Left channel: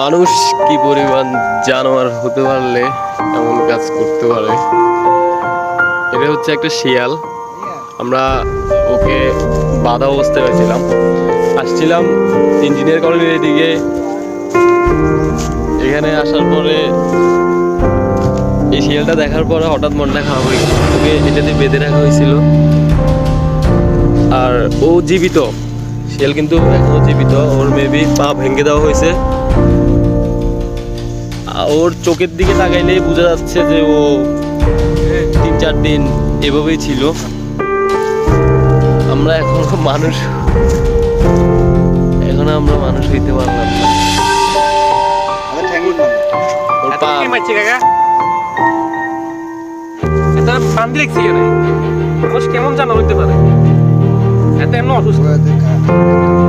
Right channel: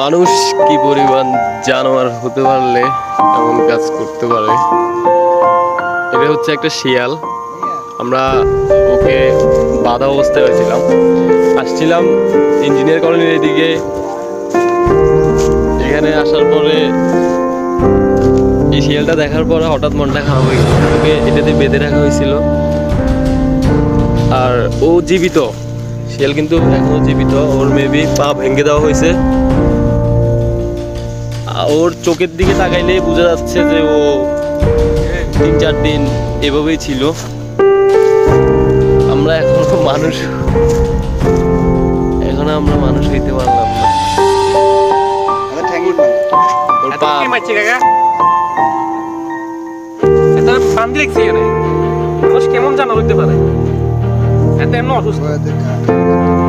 মানুষ কি পরিমাণ জানোয়ার হতে পারলে এমন কাজ করতে পারে। এটা হচ্ছে একটা শিয়াল। আমরা ওকে বাঁধা অবস্থায় হয়েছিলাম, আসছিলাম ইঞ্জিনিয়ার কলোনির এদিকে। এখানে আসার পরে এই শিয়ালটা দেখার পরে হঠাৎ মনটা খারাপ হয়ে গেল। ওকে এটাতে বেঁধে রাখা হয়েছিল, আর ও জীবিত। শিয়াল কিন্তু এখনো জীবিত। ওর মেবি পা ভেঙে দেওয়া হয়েছে। ওর চোখের দিকে তাকাইলেই বোঝা যাচ্ছে যে ও 3-4 দিন এভাবেই ছিল। আমরা এখনো মানুষ হইতে পারলাম না। ওর পা মানুষ কেমন জানা হইতে পারে, এত এমন অসুস্থ।